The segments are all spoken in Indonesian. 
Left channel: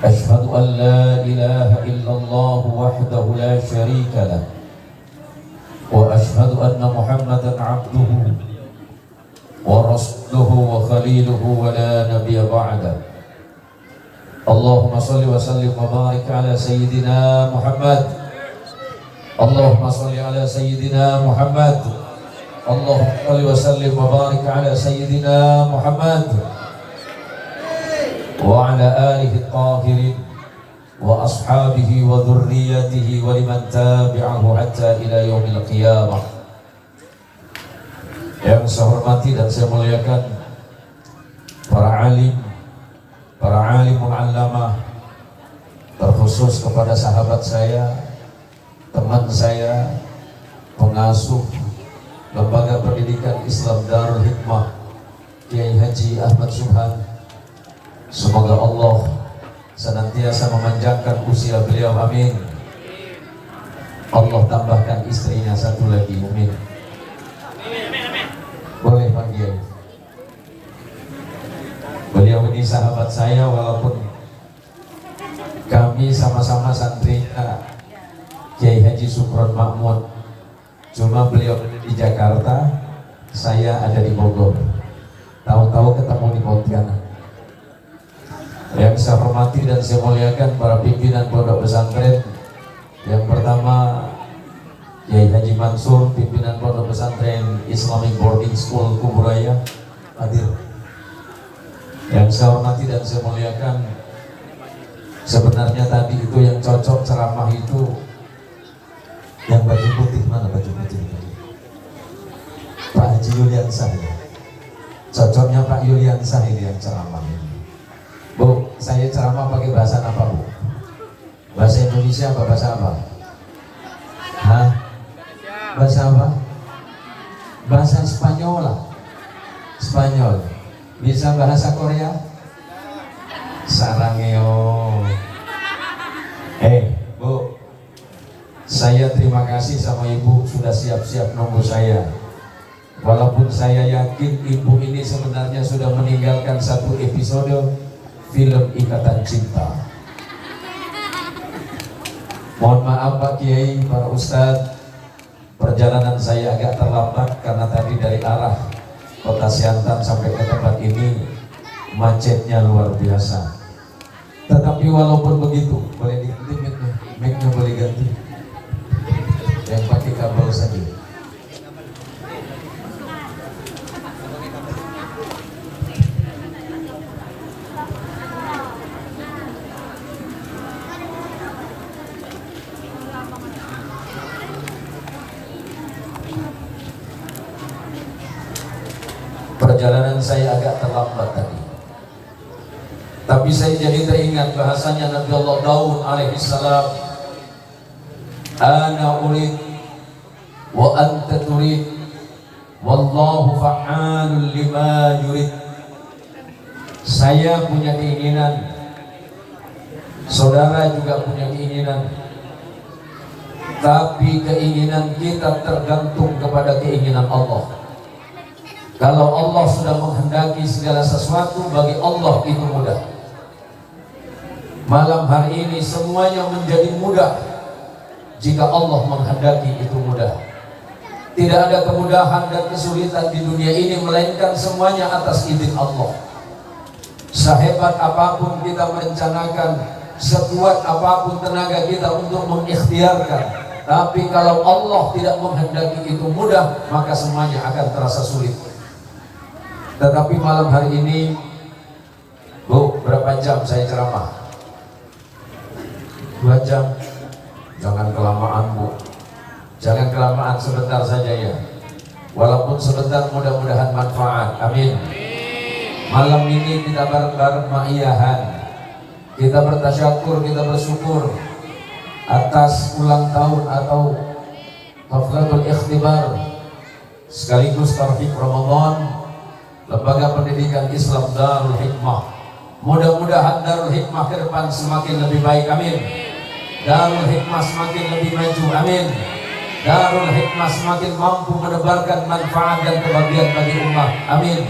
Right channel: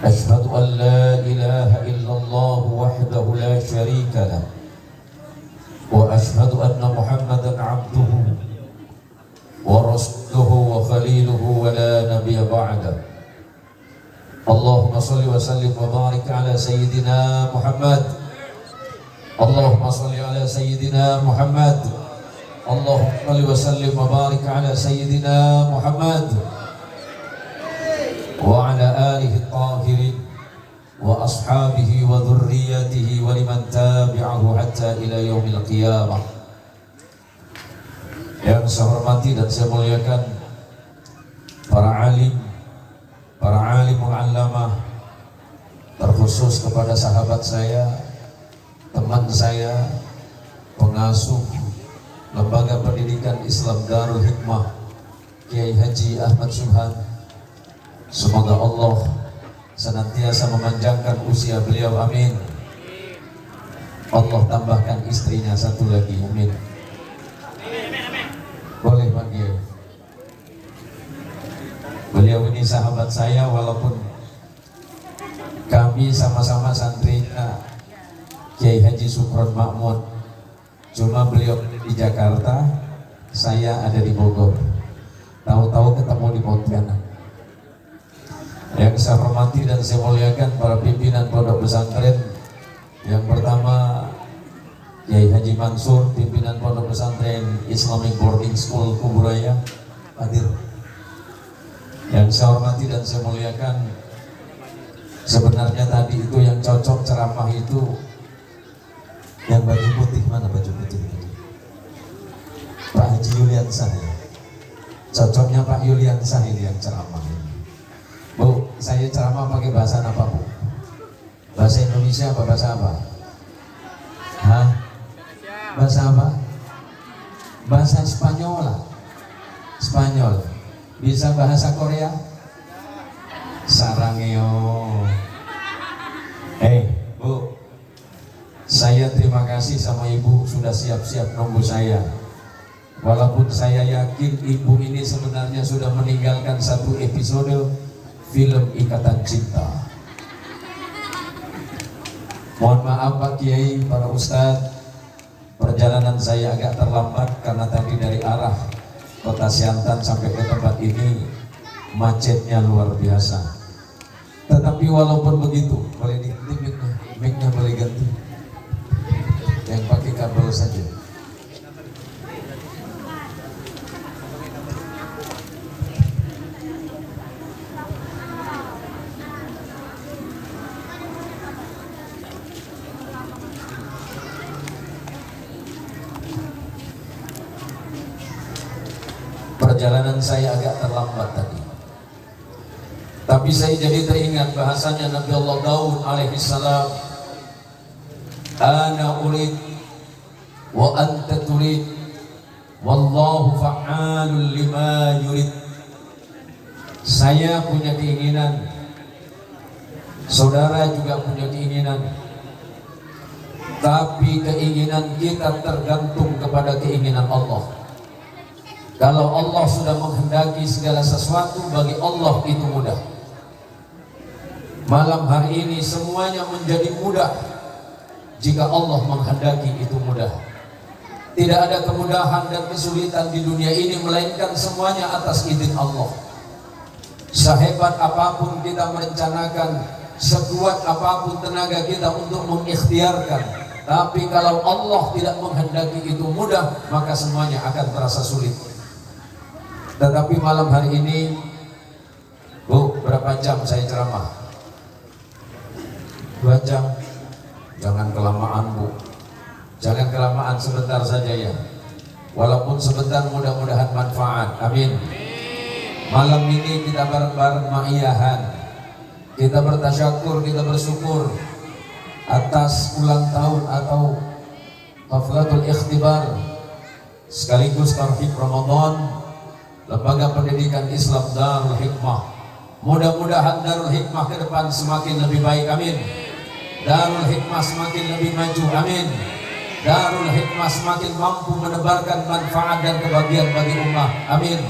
أشهد أن لا إله إلا الله وحده لا شريك له وأشهد أن محمدا عبده ورسوله وخليله ولا نبي بعده. اللهم صل وسلم وبارك على سيدنا محمد. اللهم صل على سيدنا محمد. اللهم صل وسلم وبارك على سيدنا محمد وعلى آله الطاهرين وأصحابه وذريته ولمن تابعه حتى إلى يوم القيامة. Yang saya hormati dan saya muliakan para alim mu'allamah, terkhusus kepada sahabat saya, teman saya, pengasuh Lembaga Pendidikan Islam Darul Hikmah, Kiai Haji Ahmad Subhan. Semoga Allah senantiasa memanjangkan usia beliau, amin. Allah tambahkan istrinya satu lagi, amin. Boleh Pak Kiai. Beliau ini sahabat saya walaupun kami sama-sama santrinya Kiai Haji Sukron Makmud. Cuma beliau ada di Jakarta, saya ada di Bogor. Tahu-tahu ketemu di Pontianak. Yang saya hormati dan saya muliakan para pimpinan pondok pesantren. Yang pertama Kiai Haji Mansur, pimpinan pondok pesantren Islamic Boarding School Kuburaya, hadir. Yang saya hormati dan saya muliakan, sebenarnya tadi itu yang cocok ceramah itu yang baju putih. Mana baju putih? Pak Haji Yuliansah ya. Cocoknya Pak Yuliansah ini yang ceramah ini. Bu, saya ceramah pakai bahasa apa Bu? Bahasa Indonesia apa bahasa apa? Hah? Bahasa apa? Bahasa Spanyol lah. Spanyol. Bisa bahasa Korea? Sarangeo. Bu, saya terima kasih sama Ibu sudah siap-siap nunggu saya. Walaupun saya yakin Ibu ini sebenarnya sudah meninggalkan satu episode film Ikatan Cinta. Mohon maaf Pak Kiai, para Ustadz, perjalanan saya agak terlambat karena tadi dari arah Kota Siantan sampai ke tempat ini macetnya luar biasa. Tetapi walaupun begitu, boleh diganti mic-nya boleh ganti. Yang pakai kabel saja. Perjalanan saya agak terlambat tadi, tapi saya jadi teringat bahasanya Nabi Allah Daud alaihissalam, ana urid wa anta turid wallahu fa'alun lima yurid. Saya punya keinginan, saudara juga punya keinginan, tapi keinginan kita tergantung kepada keinginan Allah. Kalau Allah sudah menghendaki segala sesuatu, bagi Allah itu mudah. Malam hari ini semuanya menjadi mudah jika Allah menghendaki itu mudah. Tidak ada kemudahan dan kesulitan di dunia ini, melainkan semuanya atas izin Allah. Sehebat apapun kita merencanakan, sekuat apapun tenaga kita untuk mengikhtiarkan, tapi kalau Allah tidak menghendaki itu mudah, maka semuanya akan terasa sulit. Tetapi malam hari ini, Bu, berapa jam saya ceramah? 2 jam. Jangan kelamaan Bu, jangan kelamaan, sebentar saja ya. Walaupun sebentar, mudah-mudahan manfaat, amin. Malam ini kita bareng-bareng ma'iyahan, kita bertasyakur, kita bersyukur atas ulang tahun atau haflatul ikhtibar sekaligus tarhib Ramadan Lembaga Pendidikan Islam Darul Hikmah. Mudah-mudahan Darul Hikmah ke depan semakin lebih baik, amin. Darul Hikmah semakin lebih maju, amin. Darul Hikmah semakin mampu menebarkan manfaat dan kebahagiaan bagi umat, amin.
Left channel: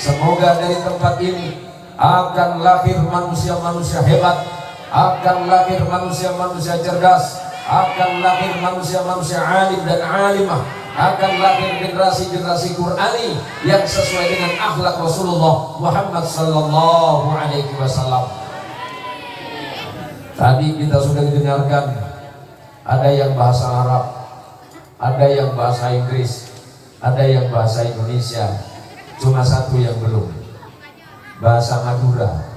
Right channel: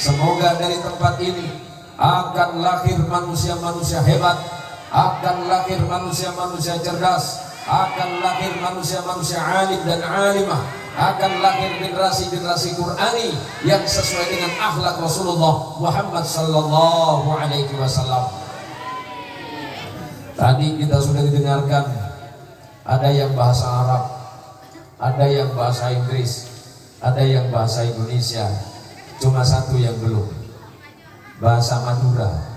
Semoga dari tempat ini akan lahir manusia-manusia hebat, akan lahir manusia-manusia cerdas, akan lahir manusia-manusia alim dan alimah, akan lahir generasi-generasi Qur'ani yang sesuai dengan akhlak Rasulullah Muhammad sallallahu alaihi wasallam. Tadi kita sudah dengarkan ada yang bahasa Arab, ada yang bahasa Inggris, ada yang bahasa Indonesia. Cuma satu yang belum, bahasa Madura.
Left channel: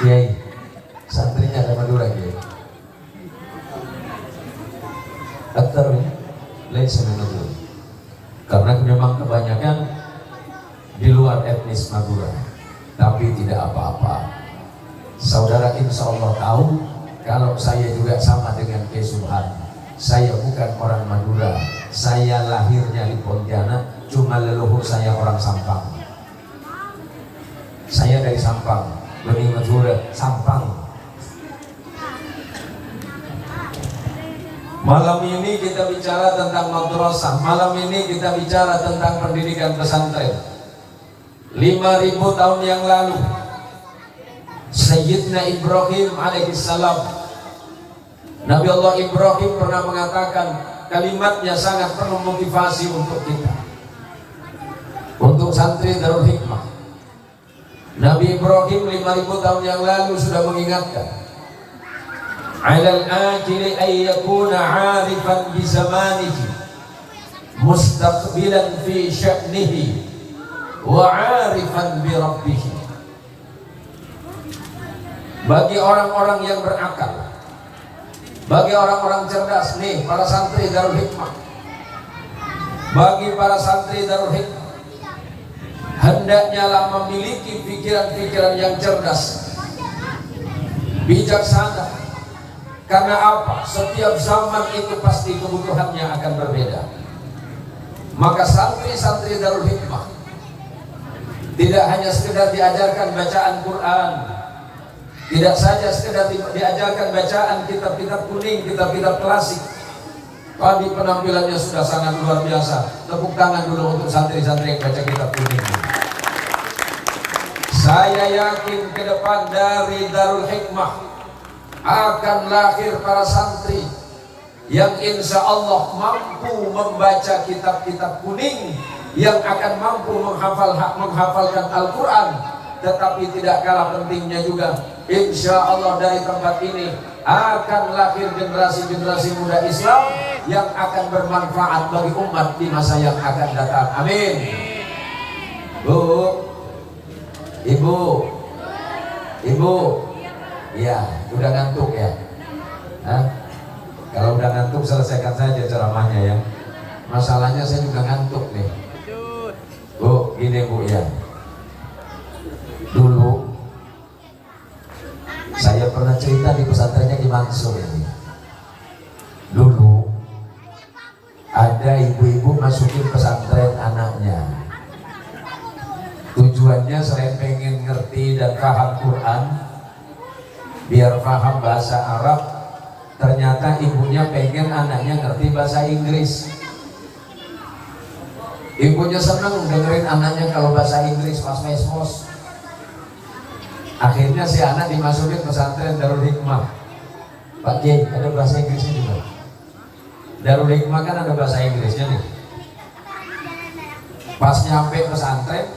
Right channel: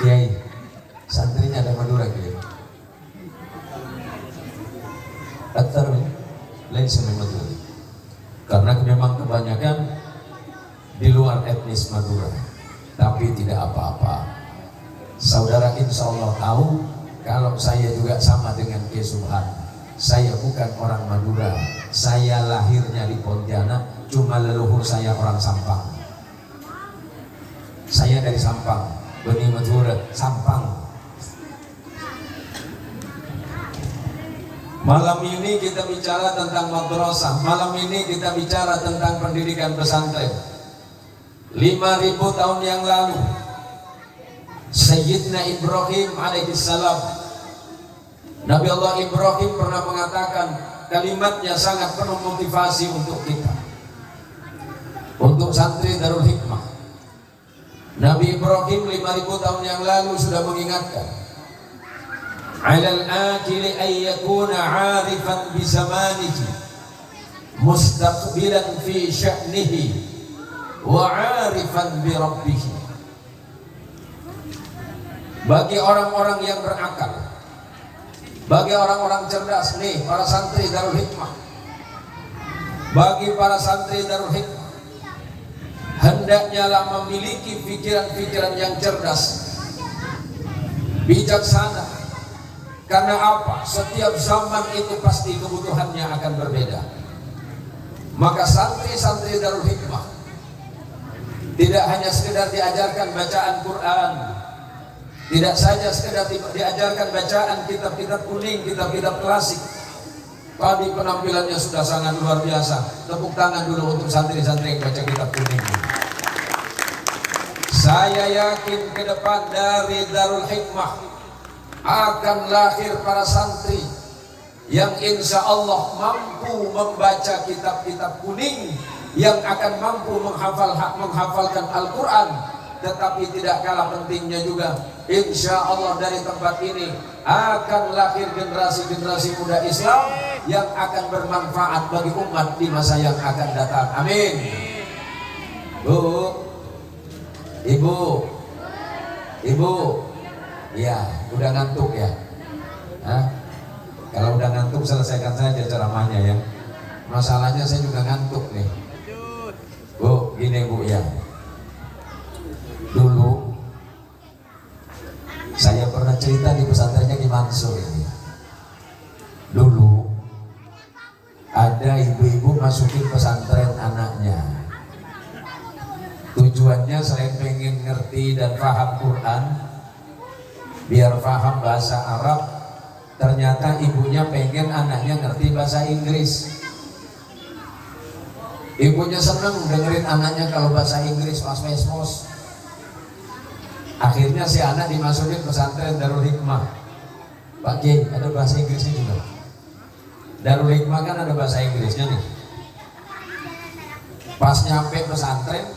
Kiai, santrinya ada Madura Kiai. Aktor ya, lain Madura. Karena memang kebanyakan di luar etnis Madura, tapi tidak apa-apa. Saudara insya Allah tahu kalau saya juga sama dengan Kiai Subhan. Saya bukan orang Madura, saya lahirnya di Pontianak, cuma leluhur saya orang Sampang. Saya dari Sampang, Bani Madura, Sampang. Malam ini kita bicara tentang madrasah, malam ini kita bicara tentang pendidikan pesantren. 5.000 tahun yang lalu, Sayyidina Ibrahim alaihissalam, Nabi Allah Ibrahim pernah mengatakan kalimatnya sangat penuh motivasi untuk kita, untuk santri Darul Hikmah. Nabi Ibrahim 5.000 tahun yang lalu sudah mengingatkan, alal ajili ay yakuna 'arifan bi zamanihi mustaqbilan fi sya'nihi wa 'arifan bi rabbih. Bagi orang-orang yang berakal, bagi orang-orang cerdas, nih para santri Darul Hikmah, bagi para santri Darul Hikmah, hendaknya lah memiliki pikiran-pikiran yang cerdas, bijaksana. Karena apa? Setiap zaman itu pasti kebutuhannya akan berbeda. Maka santri-santri Darul Hikmah tidak hanya sekedar diajarkan bacaan Quran, tidak saja sekedar diajarkan bacaan kitab-kitab kuning, kitab-kitab klasik, tapi penampilannya sudah sangat luar biasa. Tepuk tangan dulu untuk santri-santri yang baca kitab kuning. Saya yakin ke depan dari Darul Hikmah akan lahir para santri yang insya Allah mampu membaca kitab-kitab kuning, yang akan mampu menghafalkan Al-Quran. Tetapi tidak kalah pentingnya juga, insya Allah dari tempat ini akan lahir generasi-generasi muda Islam yang akan bermanfaat bagi umat di masa yang akan datang. Amin. Bu, ibu, ya udah ngantuk ya? Hah? Kalau udah ngantuk selesaikan saja ceramahnya ya. Masalahnya saya juga ngantuk nih. Bu, gini bu ya. Dulu saya pernah cerita di pesantrennya Ki Mansur ini. Dulu ada ibu-ibu masukin pesantren anaknya. Tujuannya selain pengen ngerti dan paham Quran, biar paham bahasa Arab, ternyata ibunya pengen anaknya ngerti bahasa Inggris. Ibunya seneng dengerin anaknya kalau bahasa Inggris pas mespos. Akhirnya si anak dimasukin pesantren Darul Hikmah. Pak Kiai, ada bahasa Inggrisnya juga. Darul Hikmah kan ada bahasa Inggrisnya nih. Pas nyampe pesantren,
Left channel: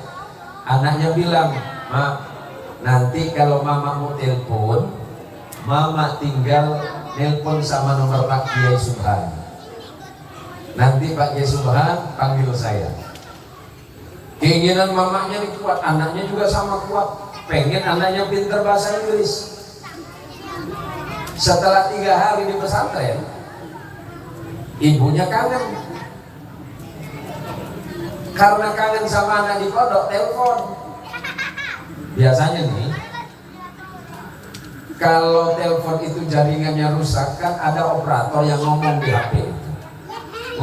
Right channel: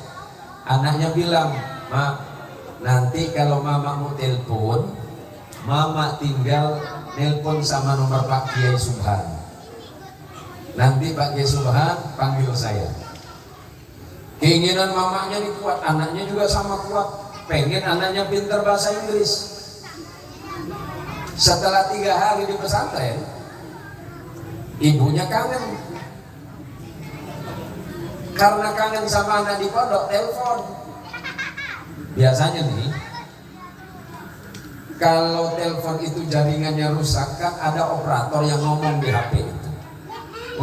anaknya bilang, "Mak, nanti kalau mama mau telepon, mama tinggal nelpon sama nomor Pak Kiai Subhan. Nanti Pak Kiai Subhan panggil saya." Keinginan mamanya ini kuat, anaknya juga sama kuat. Pengen anaknya pintar bahasa Inggris. Setelah 3 hari di pesantren, ibunya kangen. Karena kangen sama anak di pondok, telepon. Biasanya nih, kalau telepon itu jaringannya rusak, kan ada operator yang ngomong di HP itu.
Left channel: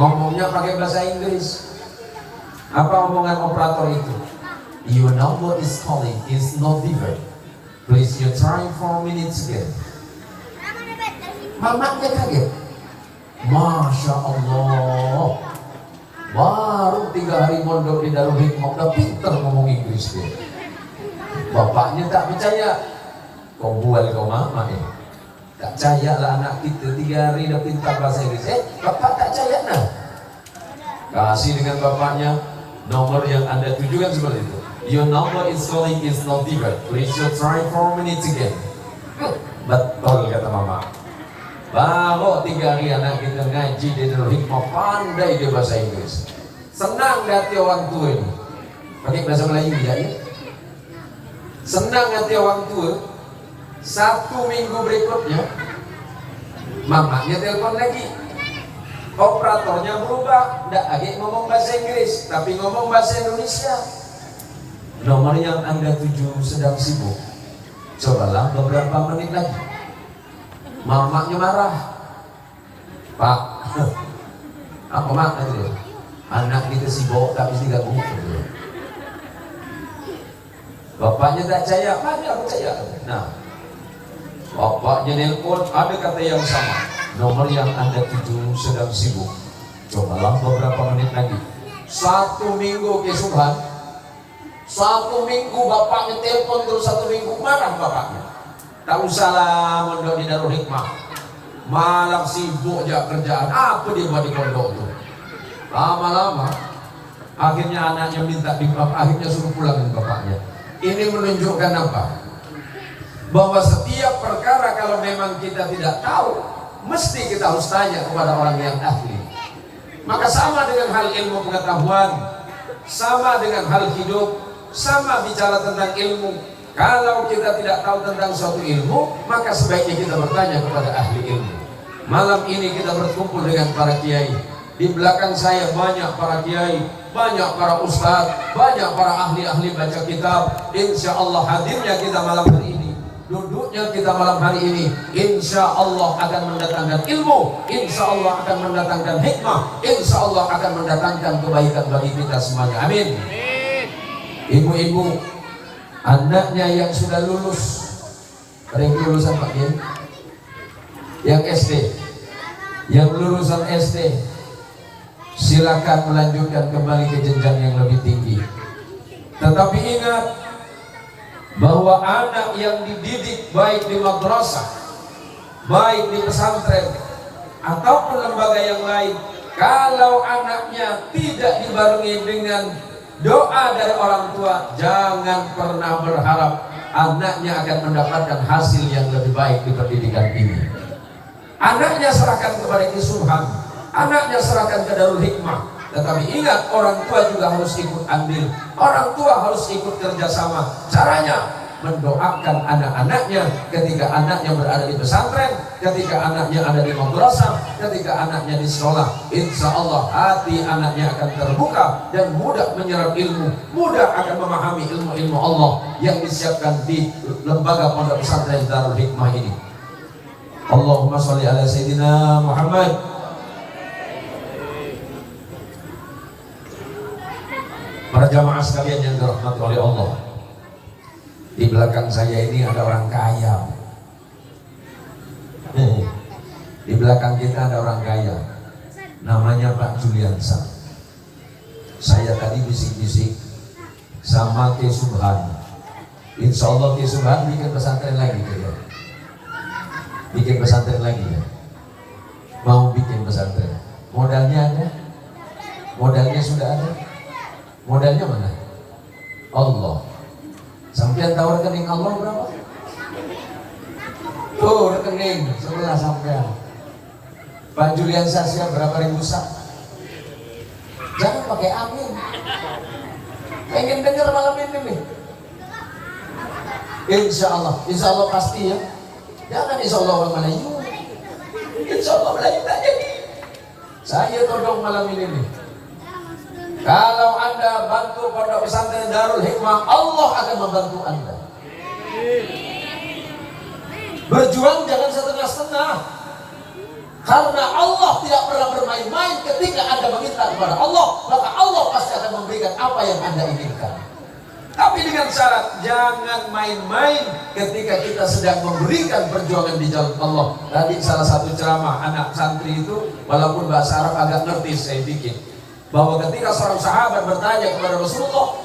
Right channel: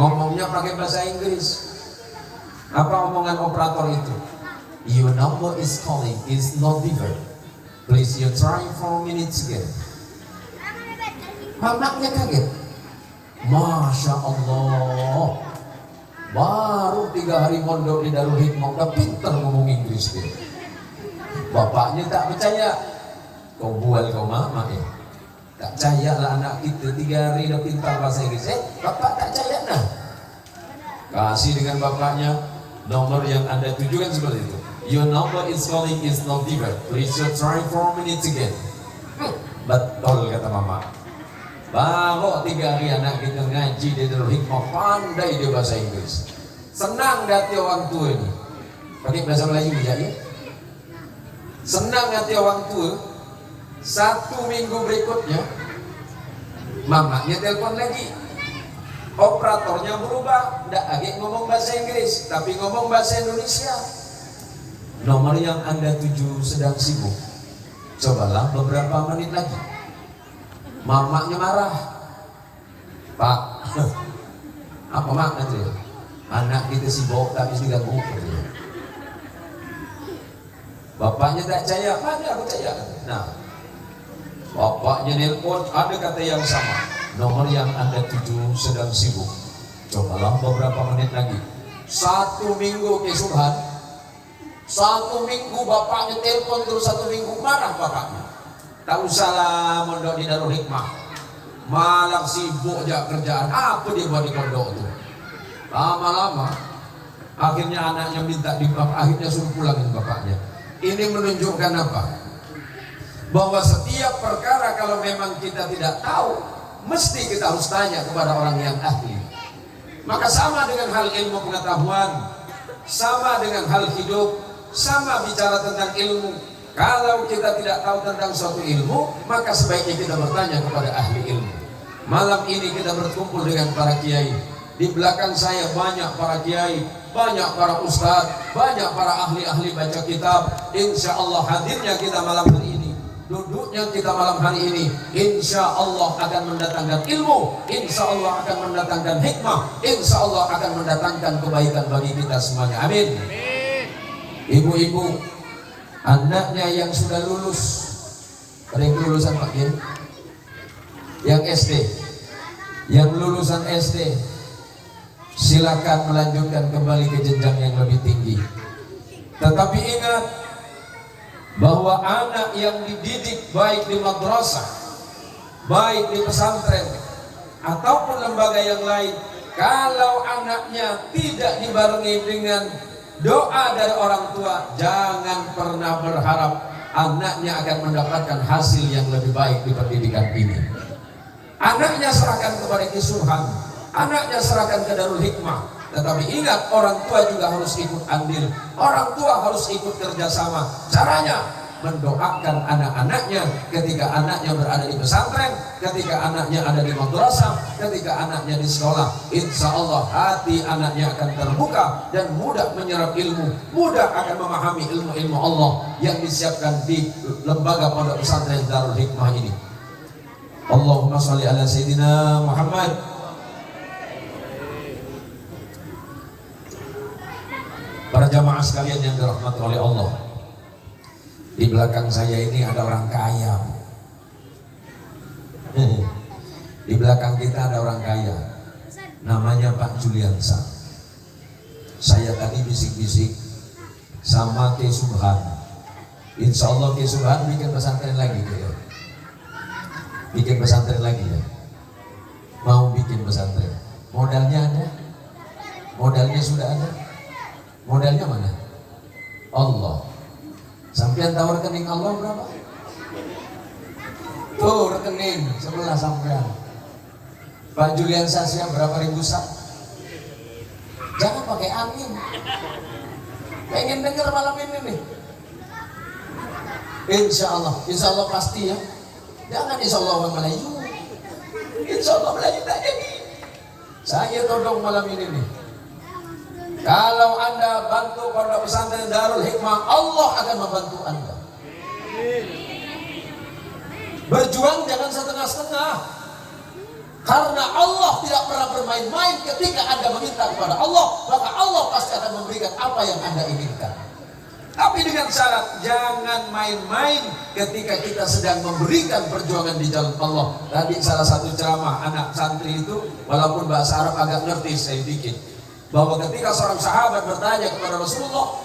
Ngomongnya pakai bahasa Inggris. Apa omongan operator itu? Your number is calling, is not delivered. Please you try 4 minutes again. Mamanya kaget. Masya Allah, baru 3 hari mondok di Darul Hikmah udah pinter ngomong Inggris dia. Bapaknya tak percaya. Kau bual kau mama ya. Tak percaya lah anak kita 3 hari dah pintar bahasa Inggris. Bapak tak percaya nah. Kasih dengan bapaknya nomor yang Anda tujukan seperti itu. Your number is calling is not different. Please you try 4 minutes again. Betul kata mama. Baru 3 hari anak kita ngaji di Darul Hikmah, pandai dia bahasa Inggris. Senang hati orang tua ini. Pakai bahasa Melayu ya? Senang hati orang tua. 1 minggu berikutnya mamanya telepon lagi. Operatornya berubah, tidak lagi ngomong bahasa Inggris, tapi ngomong bahasa Indonesia. Nomor yang Anda tuju sedang sibuk. Cobalah beberapa menit lagi. Mamanya marah. Pak, apa mak dia? Anak kita sibuk tapi diganggu. Bapaknya tak percaya, mana aku percaya. Nah, bapaknya nelpon, ada kata yang sama. Nomor yang Anda tuju sedang sibuk. Cobalah beberapa menit lagi. 1 minggu kesubuhan. 1 minggu bapaknya telepon terus 1 minggu, marah bapaknya. Tak usahlah mondok di Darul Hikmah. Malam sibuk aja kerjaan. Apa dia buat di pondok itu? Lama-lama akhirnya anaknya minta akhirnya suruh pulang dengan bapaknya. Ini menunjukkan apa? Bahwa setiap perkara kalau memang kita tidak tahu, mesti kita harus tanya kepada orang yang ahli. Maka sama dengan hal ilmu pengetahuan, sama dengan hal hidup, sama bicara tentang ilmu. Kalau kita tidak tahu tentang suatu ilmu, maka sebaiknya kita bertanya kepada ahli ilmu. Malam ini kita berkumpul dengan para kiai. Di belakang saya banyak para kiai, banyak para ustadz, banyak para ahli-ahli baca kitab. Insya Allah hadirnya kita malam hari ini, duduknya kita malam hari ini, insya Allah akan mendatangkan ilmu, insya Allah akan mendatangkan hikmah, insya Allah akan mendatangkan kebaikan bagi kita semuanya. Amin. Ibu-ibu, anaknya yang sudah lulus, ada yang lulusan Pak Kiai? Yang SD, yang lulusan SD, silakan melanjutkan kembali ke jenjang yang lebih tinggi. Tetapi ingat bahwa anak yang dididik baik di madrasah, baik di pesantren ataupun lembaga yang lain, kalau anaknya tidak dibarengi dengan doa dari orang tua, jangan pernah berharap anaknya akan mendapatkan hasil yang lebih baik di pendidikan ini. Anaknya serahkan kepada Subhan, anaknya serahkan ke Darul Hikmah. Tetapi ingat, orang tua juga harus ikut andil, orang tua harus ikut kerjasama. Caranya mendoakan anak-anaknya ketika anaknya berada di pesantren, ketika anaknya ada di madrasah, ketika anaknya di sekolah. Insya Allah hati anaknya akan terbuka dan mudah menyerap ilmu, mudah akan memahami ilmu-ilmu Allah yang disiapkan di lembaga pondok pesantren Darul Hikmah ini. Allahumma sholli ala Sayyidina Muhammad. Para jamaah sekalian yang dirahmati oleh Allah, di belakang saya ini ada orang kaya. Di belakang kita ada orang kaya, namanya Pak Juliansa. Saya tadi bisik-bisik sama Ki Subhan. Insya Allah Ki Subhan bikin pesantren lagi ya. Bikin pesantren lagi ya. Mau bikin pesantren. Modalnya ada? Modalnya sudah ada? Modalnya mana? Allah. Sampai tahu rekening Allah berapa? Tuh rekening sebelah sampai. Pak Julian Sasya berapa ribu sak? Jangan pakai amin. Pengen dengar malam ini nih. Insya Allah pasti ya. Jangan insya Allah orang Melayu. Insya Allah Melayu tak jadi. Saya todong malam ini nih. Kalau Anda bantu pondok pesantren Darul Hikmah, Allah akan membantu Anda. Berjuang jangan setengah-setengah. Karena Allah tidak pernah bermain-main. Ketika Anda meminta kepada Allah, maka Allah pasti akan memberikan apa yang Anda inginkan. Tapi dengan syarat jangan main-main ketika kita sedang memberikan perjuangan di jalan Allah. Tadi salah satu ceramah anak santri itu, walaupun bahasa Arab agak ngerti saya bikin, bahwa ketika seorang sahabat bertanya kepada Rasulullah,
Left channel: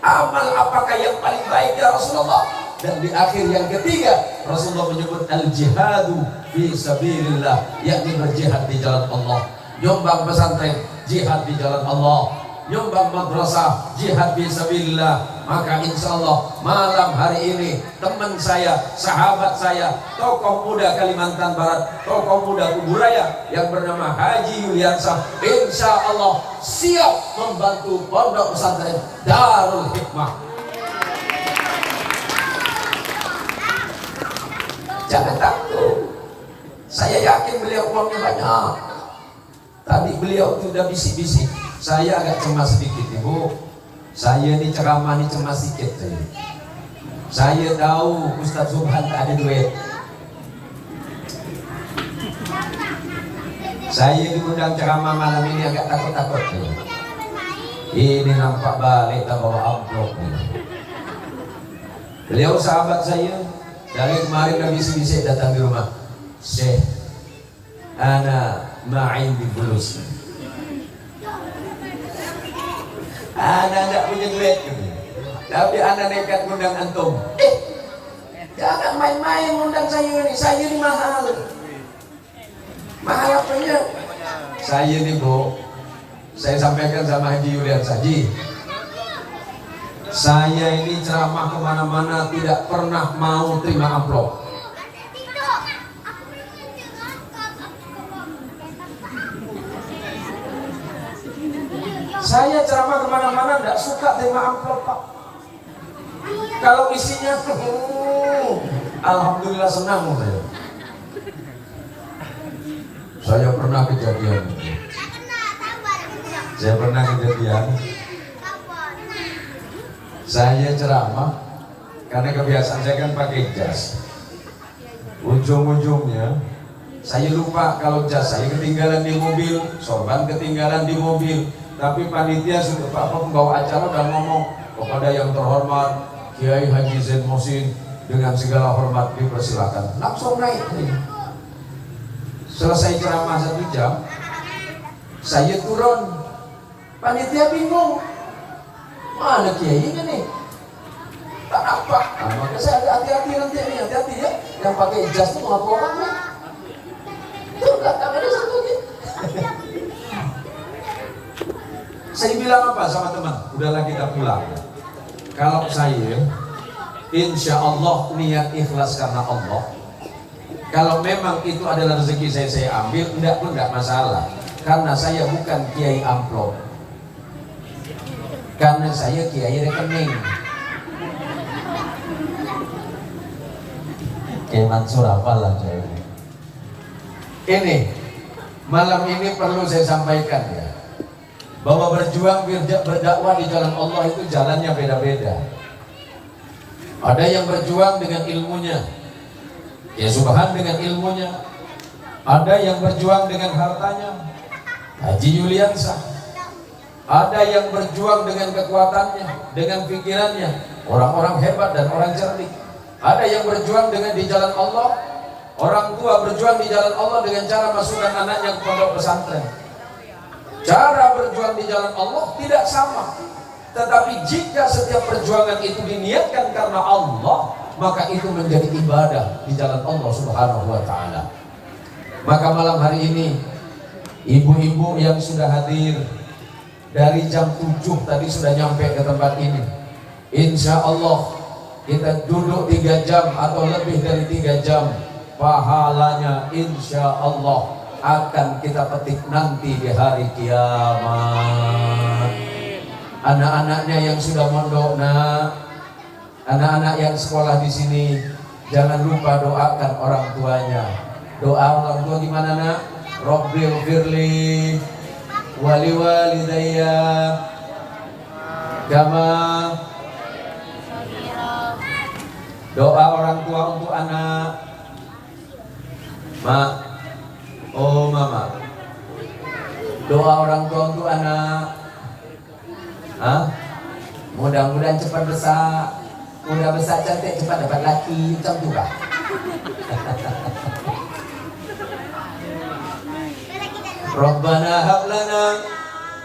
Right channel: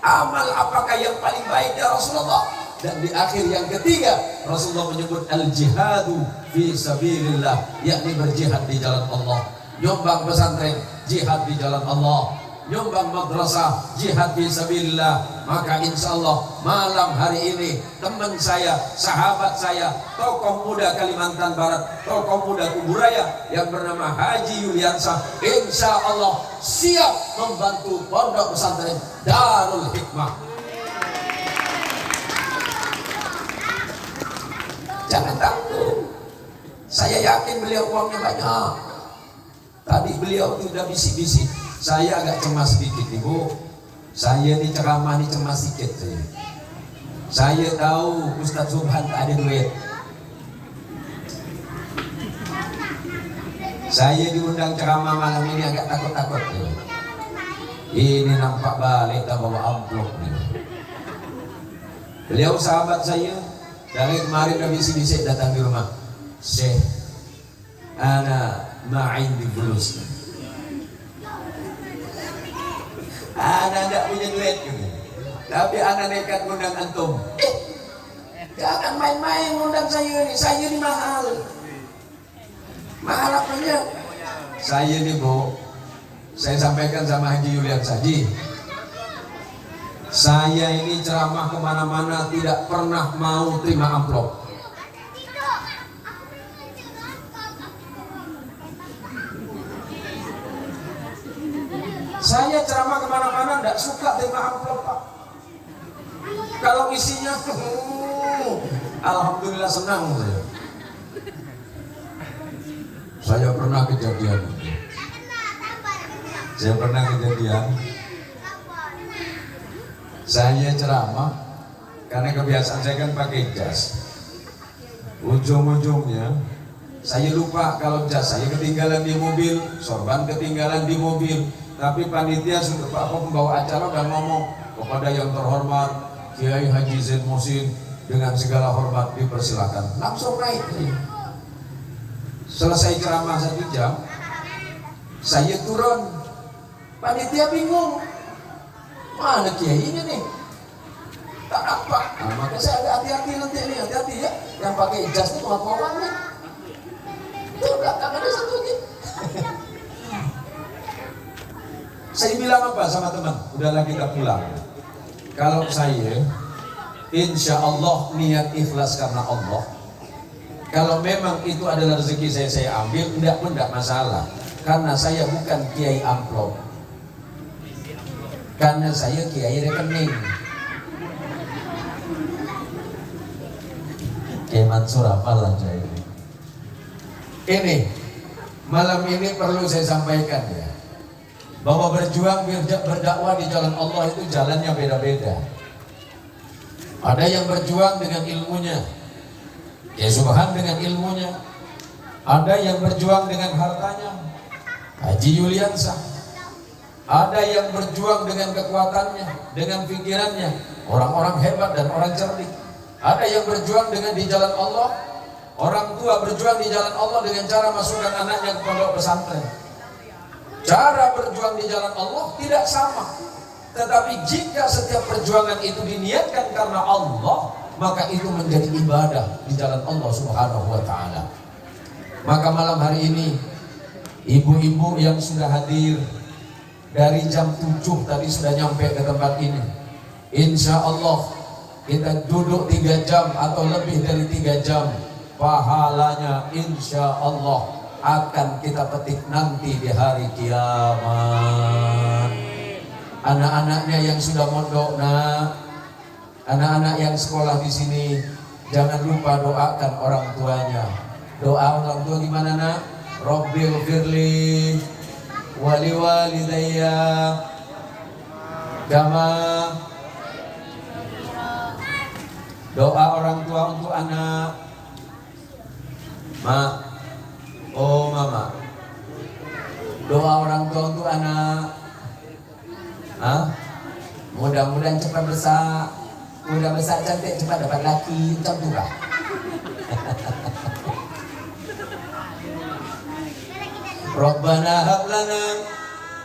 amal apakah yang paling baik ya Rasulullah? Dan di akhir yang ketiga Rasulullah menyebut al-jihadu fi sabilillah, yakni berjihad di jalan Allah. Nyumbang pesantren, jihad di jalan Allah. Nyumbang madrasah, jihad fi sabilillah. Maka insya Allah malam hari ini teman saya, sahabat saya, tokoh muda Kalimantan Barat, tokoh muda Kuburaya yang bernama Haji Yuliansah, insya Allah siap membantu pondok pesantren Darul Hikmah. Jangan takut, saya yakin beliau uangnya banyak. Tadi beliau sudah bisik-bisik, saya agak cemas sedikit ibu. Saya ini ceramah ini cemas sedikit. Saya tahu Ustaz Subhan tak ada duit. Saya diundang ceramah malam ini agak takut-takut. Ini nampak balik tak bawa amplop. Beliau sahabat saya. Dari kemarin dah bisik-bisik datang di rumah. Syekh, ana ma'in di bulus. Ana tak punya duit, tapi ana nekat ngundang antum. Jangan main-main ngundang saya ni. Saya ni mahal. Mahal apanya? Saya ni bu, saya sampaikan sama Haji Yuliansah, Haji, saya ini ceramah kemana-mana tidak pernah mau terima amplop. Saya ceramah kemana-mana tidak suka terima amplop, Pak. Kalau isinya, alhamdulillah senang saya. Saya pernah kejadian. Saya ceramah karena kebiasaan saya kan pakai jas. Ujung-ujungnya saya lupa kalau jas saya ketinggalan di mobil, sorban ketinggalan di mobil. Tapi panitia sudah pembawa acara udah ngomong kepada yang terhormat Kiai Haji Zain Muhsin dengan segala hormat dipersilakan. Langsung naik. Selesai ceramah 1 jam, saya turun. Panitia bingung. Mana Kiai ini nih? Tak apa. Nah, maka saya agak hati-hati nanti nih, hati-hati ya. Yang pakai jas itu apa orangnya? Itu belakang ada satu lagi. Saya bilang apa sama teman? Udahlah kita pulang. Kalau saya, insya Allah niat ikhlas karena Allah. Kalau memang itu adalah rezeki saya ambil, enggak pun enggak masalah. Karena saya bukan kiai amplop. Karena saya kiai rekening. Kiai Mansur apalah saya. Ini malam ini perlu saya sampaikan ya, bahwa berjuang berdakwah di jalan Allah itu jalannya beda-beda. Ada yang berjuang dengan ilmunya, ya Subhan dengan ilmunya. Ada yang berjuang dengan hartanya, Haji Yuliansah. Ada yang berjuang dengan kekuatannya, dengan pikirannya, orang-orang hebat dan orang cerdik. Ada yang berjuang dengan di jalan Allah. Orang tua berjuang di jalan Allah dengan cara masukkan anaknya ke pondok pesantren. Cara berjuang di jalan Allah tidak sama. Tetapi jika setiap perjuangan itu diniatkan karena Allah, maka itu menjadi ibadah di jalan Allah Subhanahu wa ta'ala. Maka malam hari ini ibu-ibu yang sudah hadir dari jam 7 tadi sudah nyampe ke tempat ini. Insya Allah kita duduk 3 jam atau lebih dari 3 jam, pahalanya insya Allah akan kita petik nanti di hari kiamat. Anak-anaknya yang sudah mondok, anak-anak yang sekolah di sini, jangan lupa doakan orang tuanya. Doa orang tua gimana nak? Rabbil firli wali walidayya kama. Doa orang tua untuk anak. Ma, oh mama. Doa orang tua untuk anak. Mudah-mudahan cepat besar. Mudah besar cantik, cepat dapat laki. Macam tu lah. Rabbana hab lana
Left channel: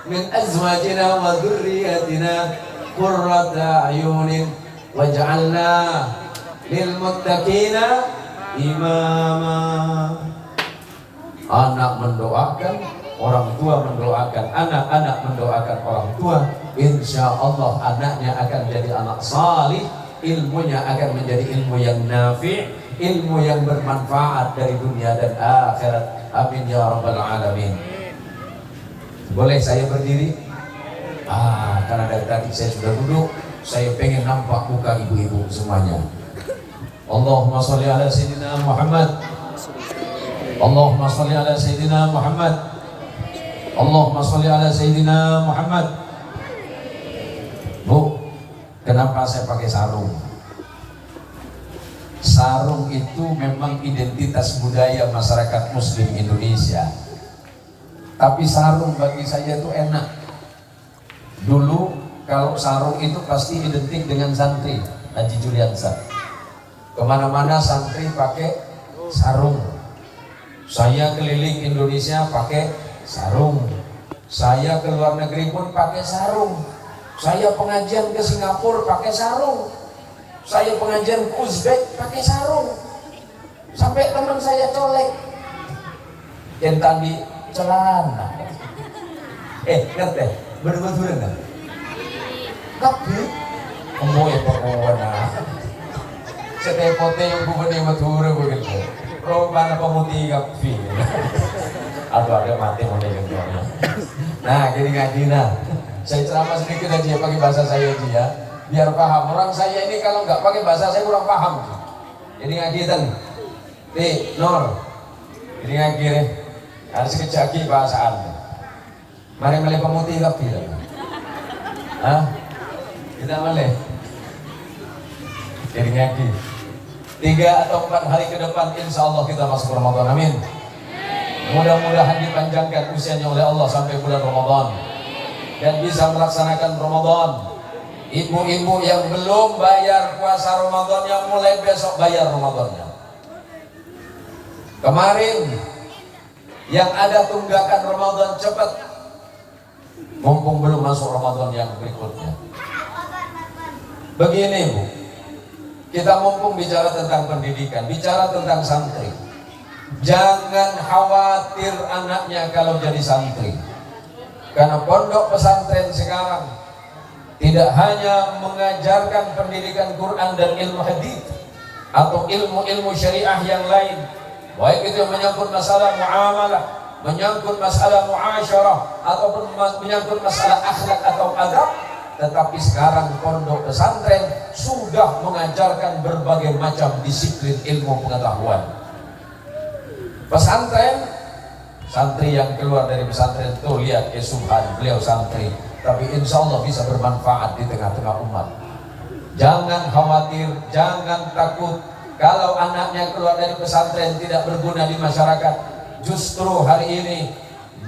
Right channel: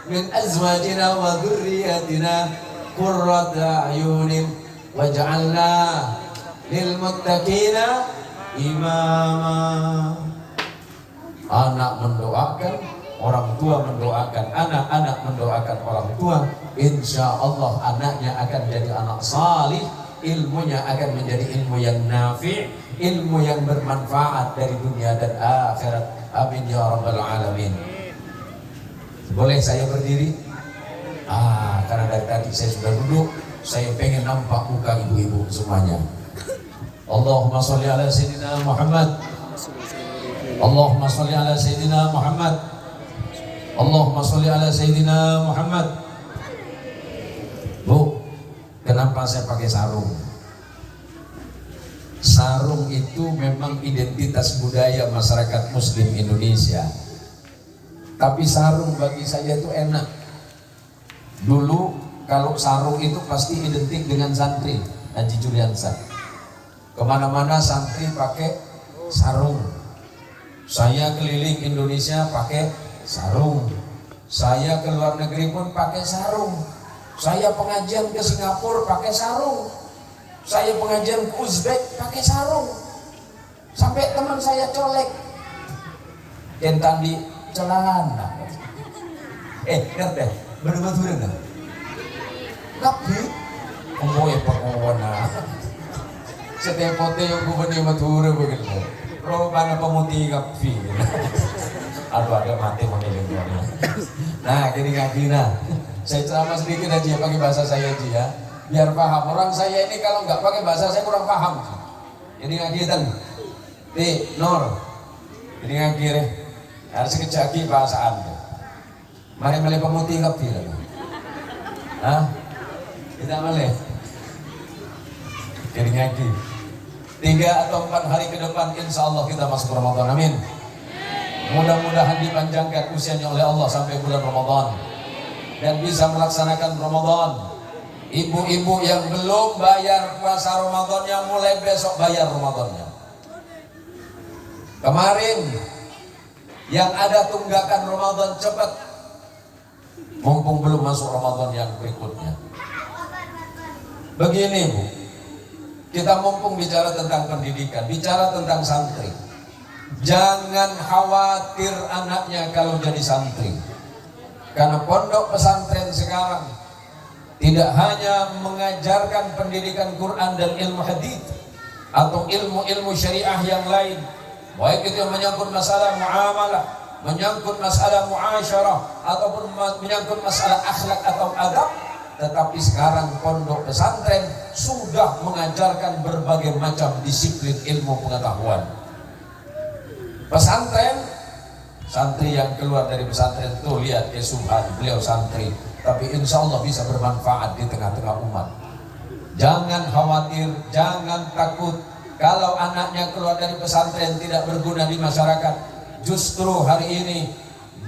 min azwajina wa dhurriyyatina qurrata a'yunin waj'alna lil muttaqina imama. Anak mendoakan, orang tua mendoakan anak, anak mendoakan orang tua. Insya Allah anaknya akan jadi anak salih, ilmunya akan menjadi ilmu yang nafi', ilmu yang bermanfaat dari dunia dan akhirat. Amin ya rabbal alamin. Boleh saya berdiri? Karena dari tadi saya sudah duduk, saya pengen nampak muka ibu-ibu semuanya. Allahumma sholli ala sayyidina Muhammad. Allahumma sholli ala sayyidina Muhammad. Allahumma sholli ala sayyidina Muhammad. Bu, kenapa saya pakai sarung? Sarung itu memang identitas budaya masyarakat Muslim Indonesia. Tapi sarung bagi saya itu enak. Dulu kalau sarung itu pasti identik dengan santri Haji Juliansa. Kemana-mana santri pakai sarung. Saya keliling Indonesia pakai sarung. Saya ke luar negeri pun pakai sarung. Saya pengajian ke Singapura pakai sarung. Saya pengajian ke Uzbek pakai sarung. Sampai teman saya colek tentang di celana. Ngerti? Bener-bener enggak? Tapi umumnya perempuan setepote yang bukan yang mature begitu. Rombana pemutih kapi. Aduh ada mati pada yang tuanya. Nah gini ngakina. Saya ceramah sedikit aja pakai bahasa saya aja ya. Biar paham. Orang saya ini kalau nggak pakai bahasa saya kurang paham. Ini ngakitan. Nor. Ini ngakir. Harus kejaki bahasaan. Mari melih pemutih kapi. Kita melih. Jadi ngaki. 3 atau 4 hari ke depan insya Allah kita masuk Ramadan. Amin. Mudah-mudahan dipanjangkan usianya oleh Allah sampai bulan Ramadan dan bisa melaksanakan Ramadan. Ibu-ibu yang belum bayar puasa Ramadannya mulai besok bayar Ramadannya. Kemarin yang ada tunggakan Ramadan cepat, mumpung belum masuk Ramadan yang berikutnya. Begini Bu, kita mumpung bicara tentang pendidikan, bicara tentang santri. Jangan khawatir anaknya kalau jadi santri. Karena pondok pesantren sekarang tidak hanya mengajarkan pendidikan Quran dan ilmu hadis atau ilmu-ilmu syariah yang lain, baik itu yang menyangkut masalah muamalah, menyangkut masalah muasyarah ataupun menyangkut masalah akhlak atau adab. Tetapi sekarang pondok pesantren sudah mengajarkan berbagai macam disiplin ilmu pengetahuan. Pesantren, santri yang keluar dari pesantren itu lihat Subhan, beliau santri, tapi insya Allah bisa bermanfaat di tengah-tengah umat. Jangan khawatir, jangan takut kalau anaknya keluar dari pesantren tidak berguna di masyarakat. Justru hari ini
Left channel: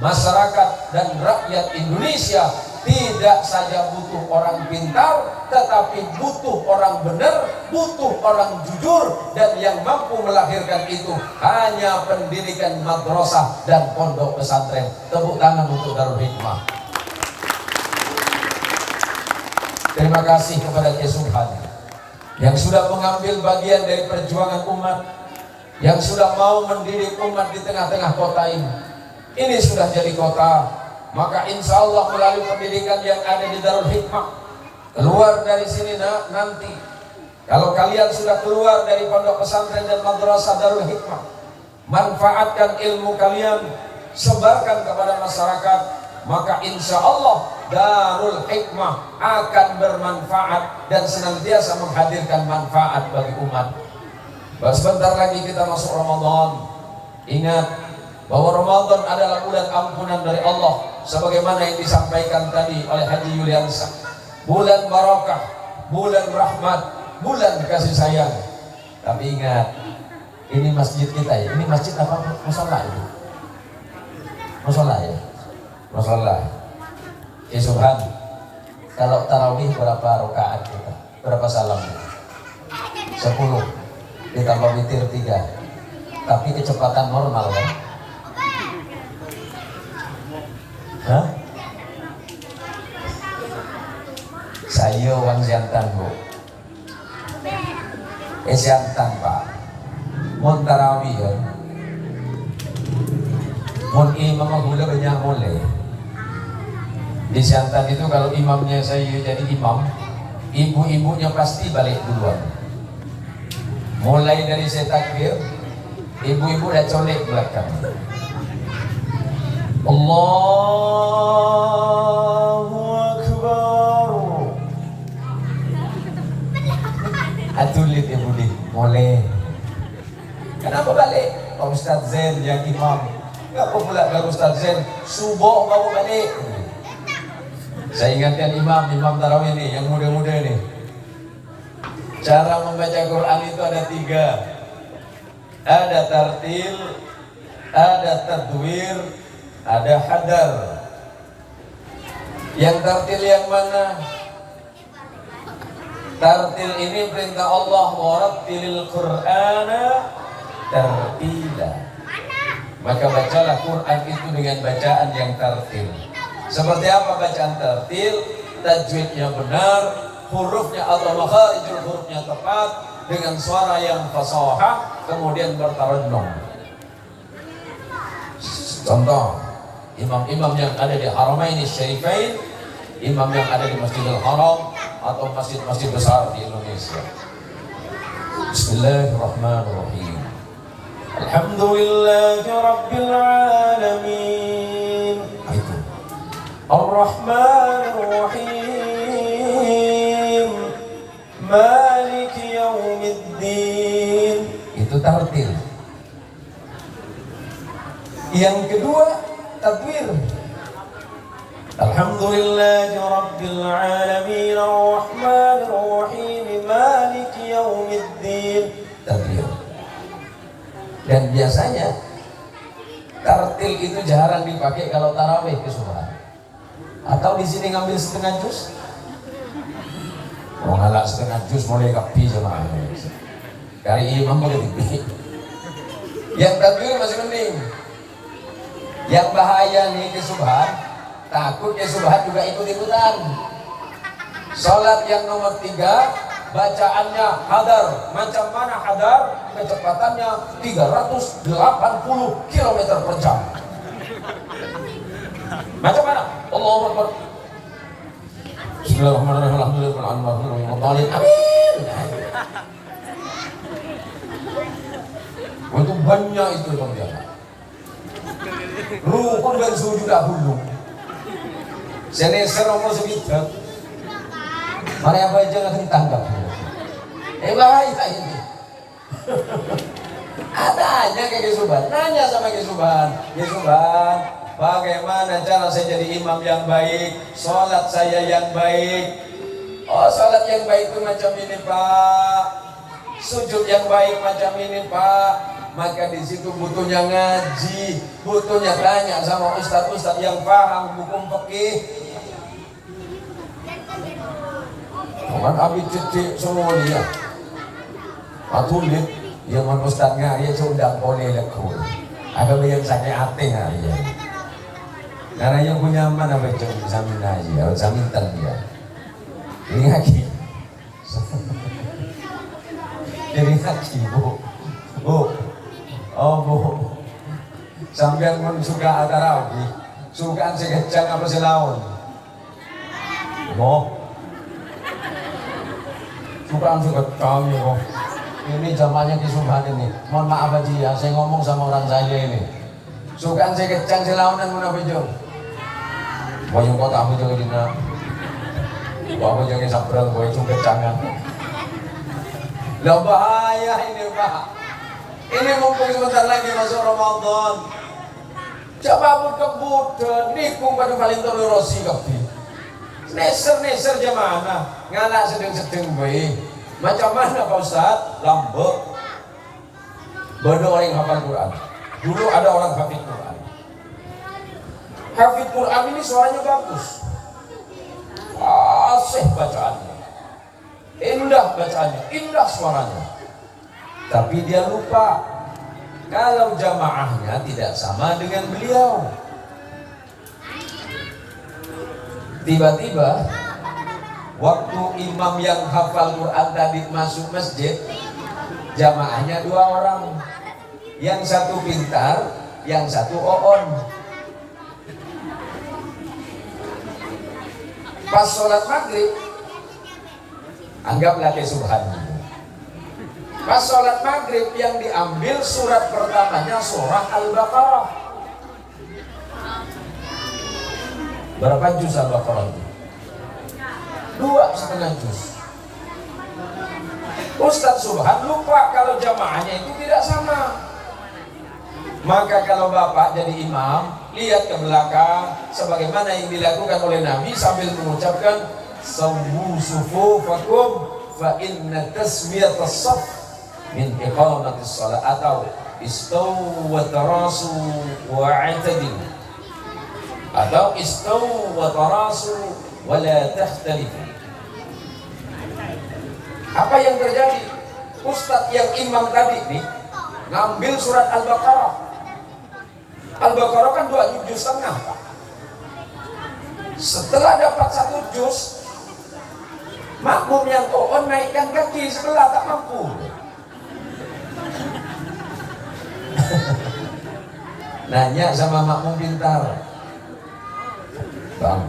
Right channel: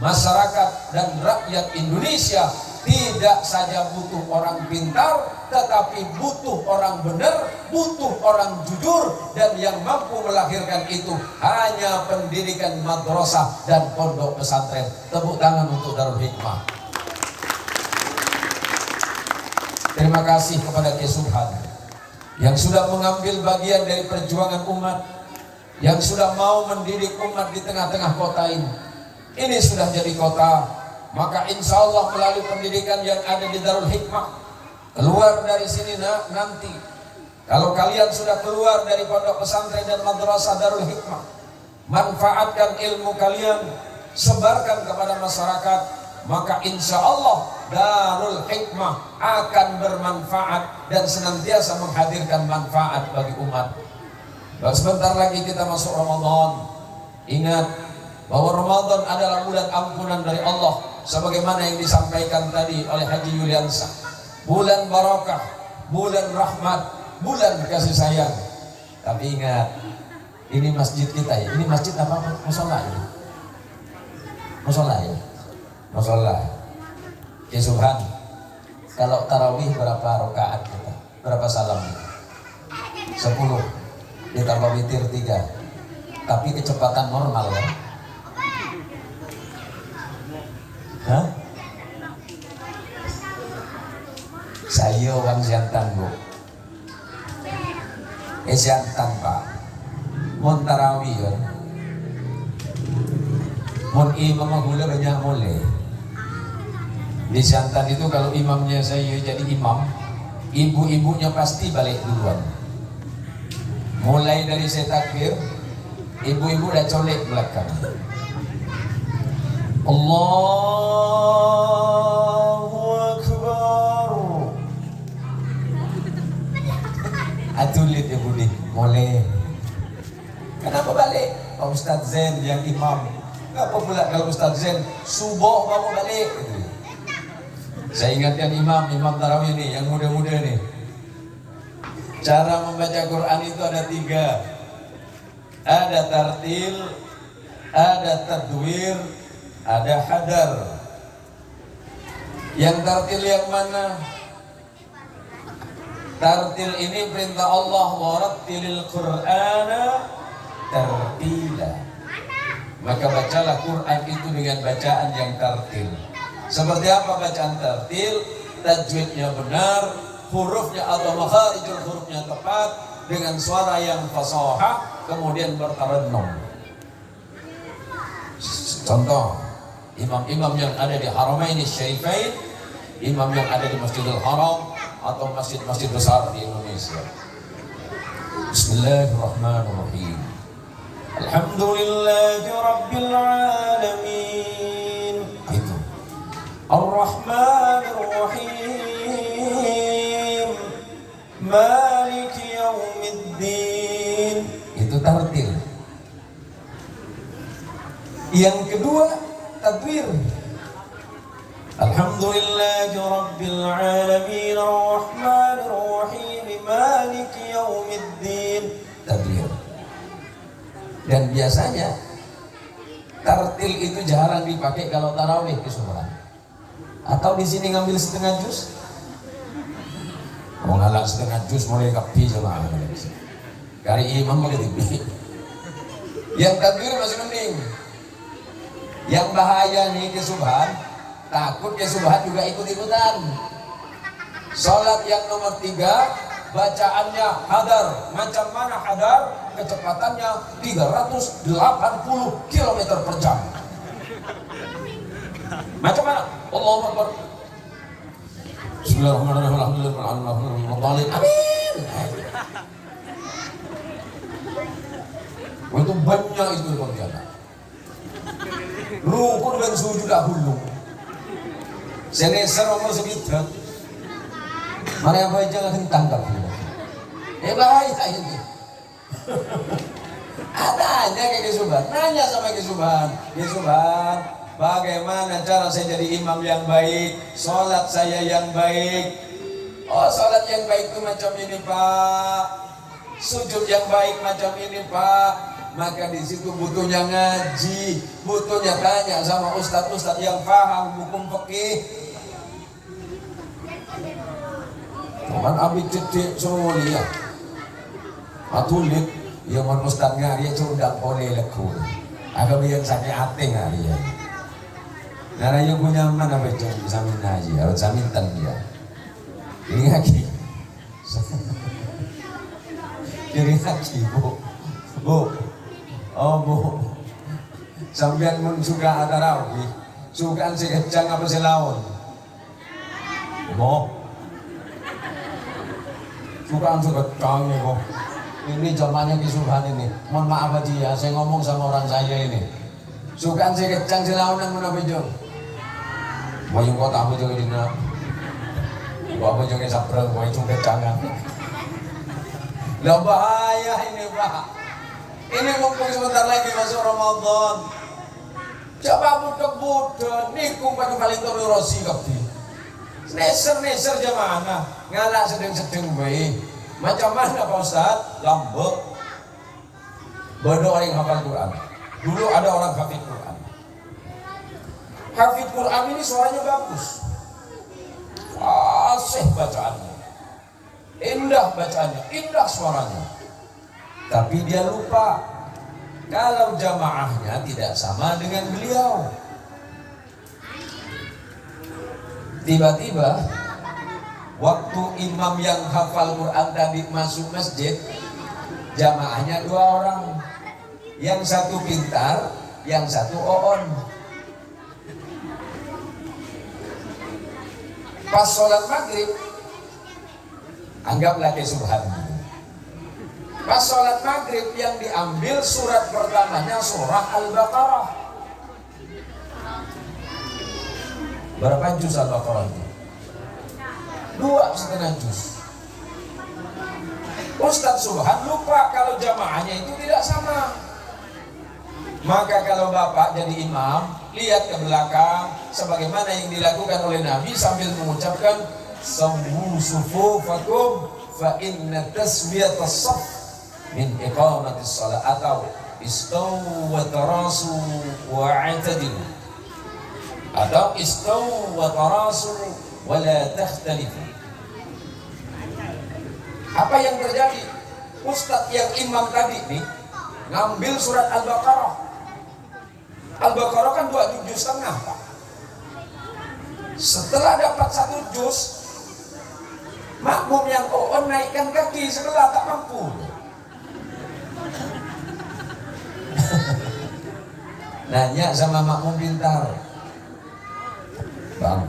masyarakat dan rakyat Indonesia tidak saja butuh orang pintar, tetapi butuh orang benar, butuh orang jujur, dan yang mampu melahirkan itu hanya pendidikan madrasah dan pondok pesantren. Tepuk tangan untuk Darul Hikmah. Terima kasih kepada Subhan yang sudah mengambil bagian dari perjuangan umat, yang sudah mau mendidik umat di tengah-tengah kota ini. Ini sudah jadi kota, maka insya Allah melalui pendidikan yang ada di Darul Hikmah, keluar dari sini nanti, kalau kalian sudah keluar dari pondok pesantren dan madrasah Darul Hikmah, manfaatkan ilmu kalian, sebarkan kepada masyarakat, maka insya Allah Darul Hikmah akan bermanfaat dan senantiasa menghadirkan manfaat bagi umat. Sebentar lagi kita masuk Ramadan. Ingat bahwa Ramadan adalah bulan ampunan dari Allah, sebagaimana yang disampaikan tadi oleh Haji Yuliansa. Bulan barokah, bulan rahmat, bulan kasih sayang. Tapi ingat, ini masjid kita ya. Ini masjid apa? Musola ini. Musola ya. Musola. Subhan. Kalau tarawih berapa rakaat kita? Berapa salamnya? 10. Ditambah witir 3. Tapi kecepatan normal ya. Hah? Saya wang jantan Bu. Siantan Pak. Mun tarawih ya. Mun imam gula banyak boleh. Di Siantan itu kalau imamnya saya jadi imam, ibu-ibunya pasti balik duluan. Mulai dari saya takbir, ibu-ibu dah colek belakang. Allahu Akbar. Atulit ibu di, boleh. Kenapa balik? Pak Ustaz Zain yang imam. Kenapa pula kalau Ustaz Zain subuh baru balik? Saya ingatkan imam tarawih nih, yang muda-muda nih. Cara membaca Quran itu ada 3. Ada tartil, ada tadwir, ada hadar. Yang tartil yang mana? Tartil ini perintah Allah, warattilil Qur'ana tartila. Maka bacalah Quran itu dengan bacaan yang tartil. Seperti apa bacaan tartil? Tajwidnya benar, hurufnya atau makharijul hurufnya tepat, dengan suara yang fasahah, kemudian bertarannum. Contoh, imam-imam yang ada di Haramain Syarifain, imam yang ada di Masjidil Haram atau masjid-masjid besar di Indonesia. Bismillahirrahmanirrahim. Alhamdulillahi Rabbil Alamin. Itu Ar-Rahmanir-Rahim Maliki Yaumiddin. Itu tartil. Yang kedua, tadwir. Alhamdulillahi Rabbil Alamin Ar-Rahmanir-Rahim Maliki Yaumiddin. Tadwir. Dan biasanya tartil itu jarang dipakai kalau tarawih kesubuhan. Atau di sini ngambil setengah juz. Ngalak setengah juz mulai kapi jemaah. Kari imam begitu. Yang tadwir masih mending. Yang bahaya nih kesubuhan, takut kesubuhan juga ikut-ikutan. Salat yang nomor 3, bacaannya hadar. Macam mana hadar? Kecepatannya 380 km per jam. Macam mana? Allahu Akbar. Bismillahirrahmanirrahim. Amin. Itu banyak itu dia. Rukun dan sujud dahulu. Seneser nomor segitu. Mana apa jangan ditangkap. Bahaya ini. Ada aja kayak Kesuban. Nanya sama Kesuban. Kesuban, bagaimana cara saya jadi imam yang baik? Sholat saya yang baik. Oh, sholat yang baik itu macam ini Pak. Sujud yang baik macam ini Pak. Maka di situ butuhnya ngaji, butuhnya tanya sama ustadz-ustadz yang paham hukum fikih. Cuman abi titik semua dia. Atulit yang man ustadz ngari sudah boleh laku. Agak yang sakit hati ngari ya. Karena yang punya mana baca samin haji, harus samintan dia. Ini ngaji. Jadi ngaji bu. Oh bu, sampai pun suka ada rawi, suka si kecang apa si lawan, bu, suka kecang ya bu. Ini zamannya Kesuban ini, mohon maaf aja ya, saya ngomong sama orang saya ini, suka si kecang si lawan yang mana bejong, bayang kau tahu juga dina, bawa jangan sabrang, bawa itu kecangan, lah bahaya ini pak. Ini mumpung sebentar lagi masuk Ramadan. Coba kebut nikung pada paling toleransi kabeh. Neser jamaah ngalak sedeng-sedeng bae. Macam mana Pak Ustaz? Lambek. Bodoh orang hafal Quran. Dulu ada orang hafid Quran. Hafid Quran ini suaranya bagus. Fasih bacaannya. Indah bacaannya, indah suaranya. Tapi dia lupa kalau jamaahnya tidak sama dengan beliau. Tiba-tiba waktu imam yang hafal Quran tadi masuk masjid, Jamaahnya 2 orang. Yang satu pintar, yang satu oon. Pas sholat maghrib, anggaplah kayak subhan. Pas sholat maghrib yang diambil surat pertamanya surah Al-Baqarah. Berapa juz Al-Baqarah itu? 2,5 juz. Ustadz Subhan lupa kalau jamaahnya itu tidak sama. Maka kalau bapak jadi imam, lihat ke belakang sebagaimana yang dilakukan oleh Nabi sambil mengucapkan Sammu sufufakum fa inna taswiyatas shaf min iqamatis shalah, atau istaw wa tarasu wa i'tadilu, atau istaw wa tarasu wa la takhtalifu. Apa yang terjadi? Ustadz yang imam tadi nih ngambil surat Al-Baqarah. Al-Baqarah kan 2,5 juz. Setelah dapat 1 juz, makmum yang oon naikkan kaki sebelah, tak mampu. Nanya sama makmum pintar, Bang,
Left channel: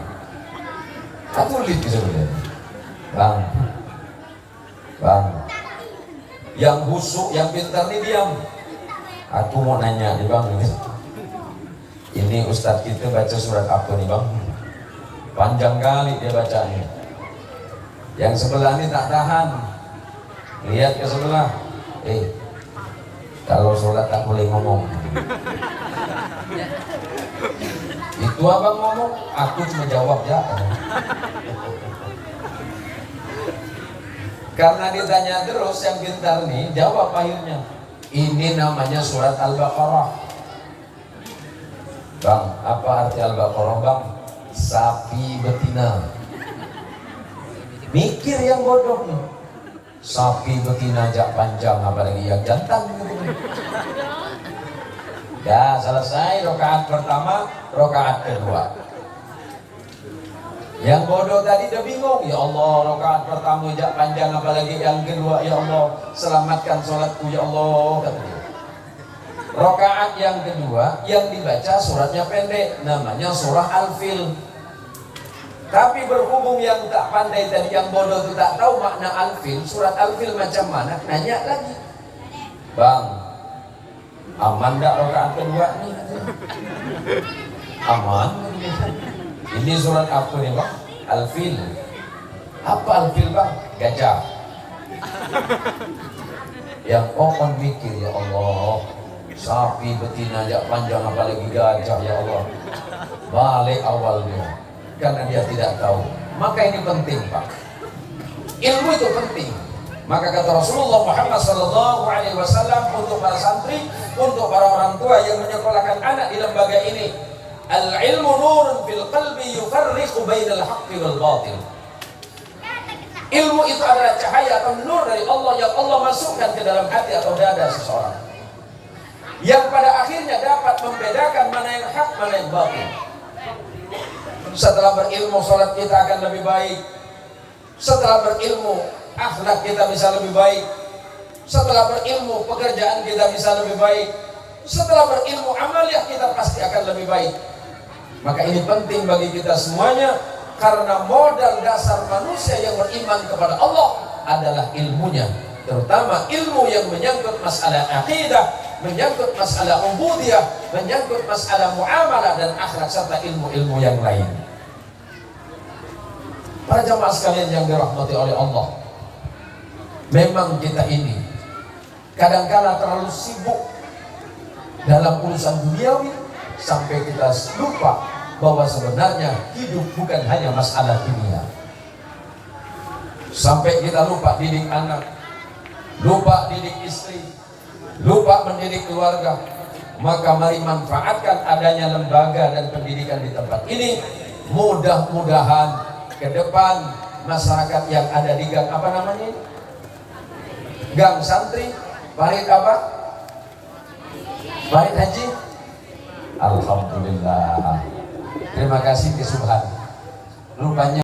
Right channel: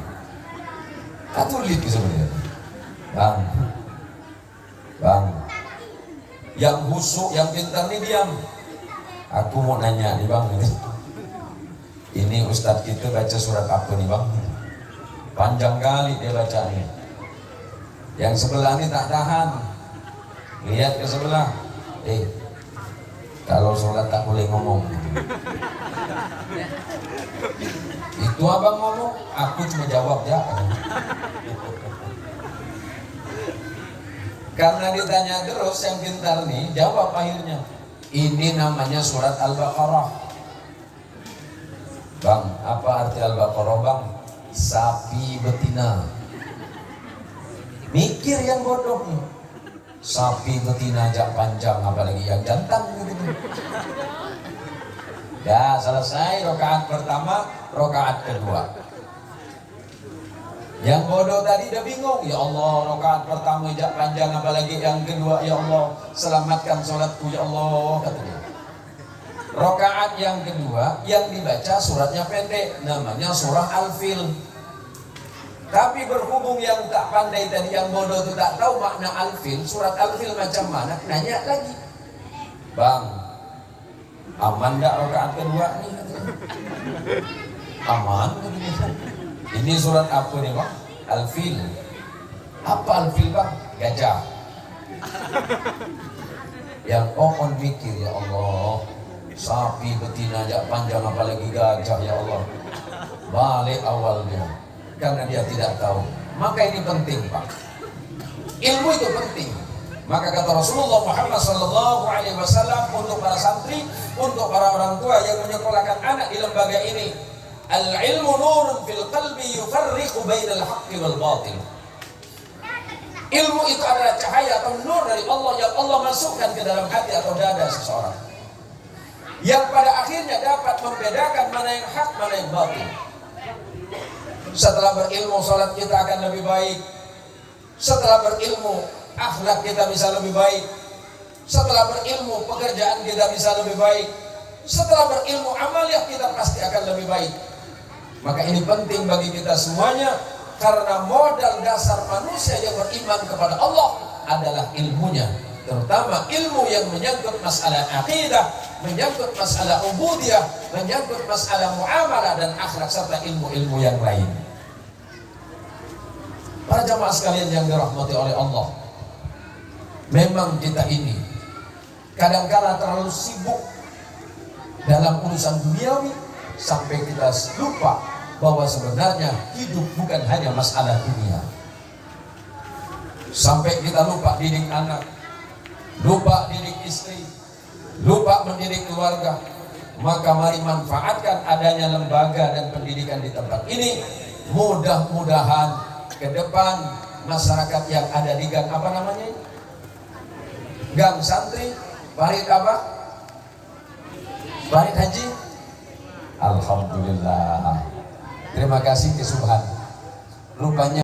Katolik sebenarnya, Bang, yang busuk, yang pintar nih diam. Aku mau nanya nih Bang, ini Ustadz kita baca surat apa nih Bang? Panjang kali dia bacanya. Yang sebelah ini tak tahan, lihat ke sebelah, kalau sholat tak boleh ngomong. Itu abang ngomong, aku cuma jawab ya. Karena ditanya terus, yang pintar nih jawab akhirnya. Ini namanya surat Al-Baqarah. Bang, apa arti Al-Baqarah Bang? Sapi betina. Mikir yang bodoh nih. Sapi betina jak panjang, apalagi yang jantan gitu. Dah selesai rakaat pertama, rakaat kedua. Yang bodoh tadi udah bingung, ya Allah, rakaat pertama jak panjang, apalagi yang kedua, ya Allah, selamatkan sholatku, ya Allah, kata dia. Rakaat yang kedua yang dibaca suratnya pendek, namanya surah Al-Fil. Tapi berhubung yang tak pandai tadi, yang bodoh itu tak tahu makna Al-Fil, surat Al-Fil macam mana, nanya lagi, Bang, aman enggak rakaat kedua nih? Aman. Ini surat apa nih Bang? Al-Fil. Apa Al-Fil Bang? Gajah. Yang orang mikir, ya Allah, sapi betina jak panjang, apalagi gajah, ya Allah. Balik awalnya, karena dia tidak tahu. Maka ini penting Pak. Ilmu itu penting. Maka kata Rasulullah Muhammad SAW untuk para santri, untuk para orang tua yang menyekolahkan anak di lembaga ini, al-ilmu nurun fil qalbi yufarriqu bainal haqqi wal batil. Ilmu itu adalah cahaya atau nur dari Allah yang Allah masukkan ke dalam hati atau dada seseorang, yang pada akhirnya dapat membedakan mana yang hak, mana yang batil. Setelah berilmu, sholat kita akan lebih baik. Setelah berilmu, akhlak kita bisa lebih baik. Setelah berilmu, pekerjaan kita bisa lebih baik. Setelah berilmu, amaliyah kita pasti akan lebih baik. Maka ini penting bagi kita semuanya, karena modal dasar manusia yang beriman kepada Allah adalah ilmunya, terutama ilmu yang menyangkut masalah akidah, menyangkut masalah ubudiyah, menyangkut masalah muamalah dan akhlak, serta ilmu-ilmu yang lain. Para jamaah sekalian yang dirahmati oleh Allah, memang kita ini kadang-kala terlalu sibuk dalam urusan duniawi sampai kita lupa bahwa sebenarnya hidup bukan hanya masalah dunia. Sampai kita lupa didik anak, lupa didik istri, lupa mendidik keluarga. Maka mari manfaatkan adanya lembaga dan pendidikan di tempat ini. Mudah-mudahan ke depan masyarakat yang ada di gang apa namanya? Gang santri, Parit apa? Parit haji. Alhamdulillah. Terima kasih ke Subhan. Rupanya